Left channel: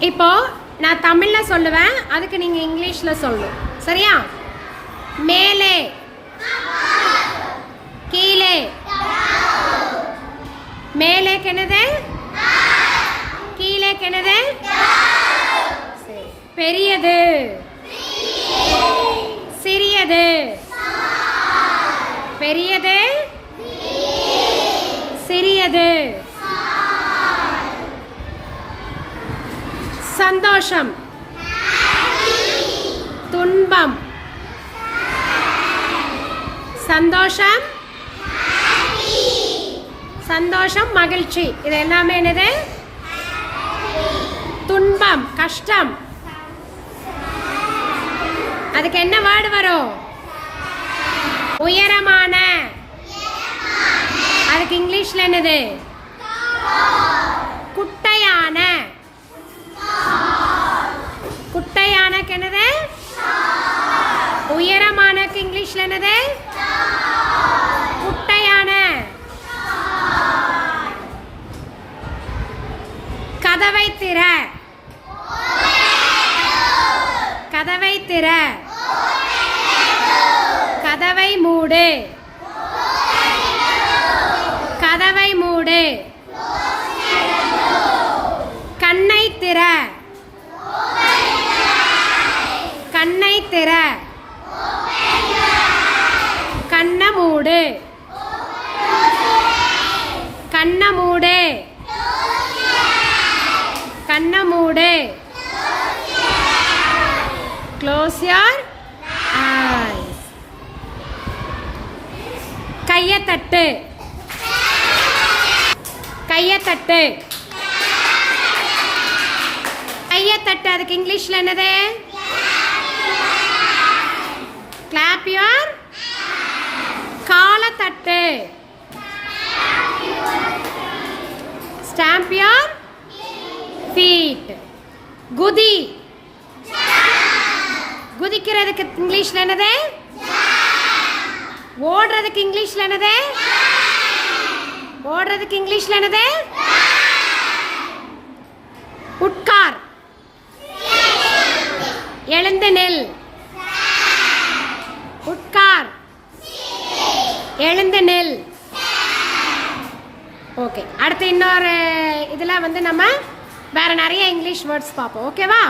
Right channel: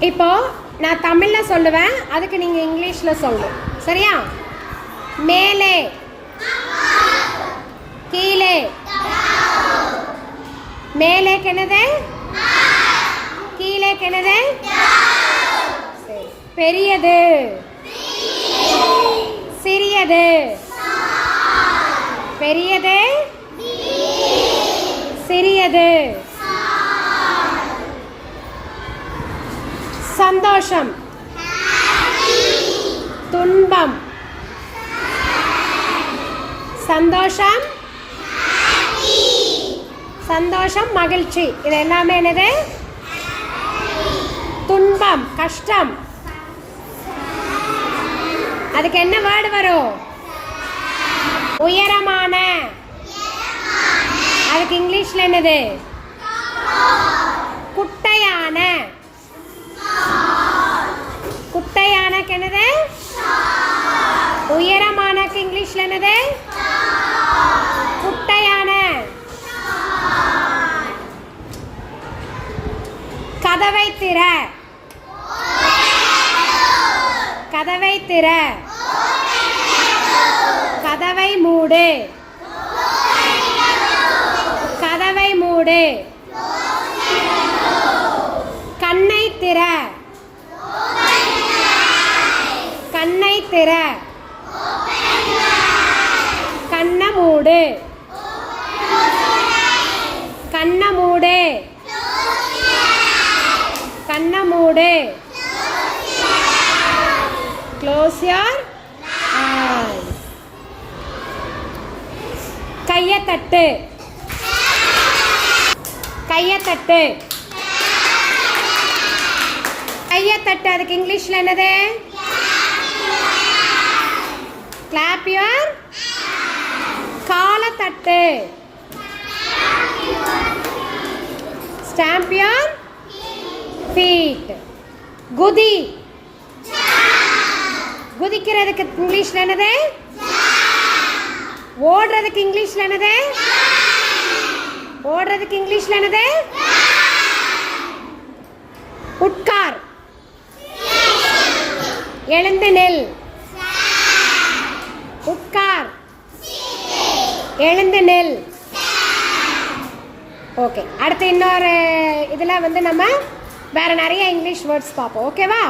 இப்போது நான் தமிழில் சொல்லுவேன் அதுக்கு நீங்கள் இங்கிலீஷில் சொல்லு. சரியா? மேலே. கீழே. மேலே கிணது கீழே கிணது சரி. பெரியது. சிறியது. பெரியது. சிறியது. சந்தோஷம். துன்பம். சந்தோஷம். சந்தோஷம் மகிழ்ச்சி. இது எல்லாமே என்னது? துன்பம் கஷ்டம். அதுக்கு என்ன வேர்டு வரும்? உயரமான. அதுக்கு இங்கிலீஷ்ல என்னது? கிணறுக்கு என்னது? உயரமானக்கு இங்கிலீஷ்ல என்னது? குட்டையான. கதவை திற. கதவை திற. கதவை மூடு. கதவை மூடு கண்ணை திற கண்ணை திற கண்ண மூடு. கண்ண மூடு. கண்ண மூடு. க்ளோஸ் யார் கையை தட்டு. கையை தட்டு. கையை தட்டு. அதுக்கு இங்கிலீஷ்ல என்னது? கிளாப் யுவர் காலத்தட்டு. ஸ்டாம்ப் யுவர் ஃபீட் குதி. குதிக்கிறதுக்கு இங்கிலீஷில் என்னது? ஓடுறதுக்கு இங்கிலீஷில் என்னது? ஓடுறதுக்கு இங்கிலீஷில் என்னது? உட்கார். எழுந்து நெல். எழுந்து நெல். ஓகே அடுத்து இன்னொரு இதில் வந்து நம்ம வேறு நிறைய இங்கிலீஷ் வேர்ட்ஸ் பார்ப்போம். ஓகேவா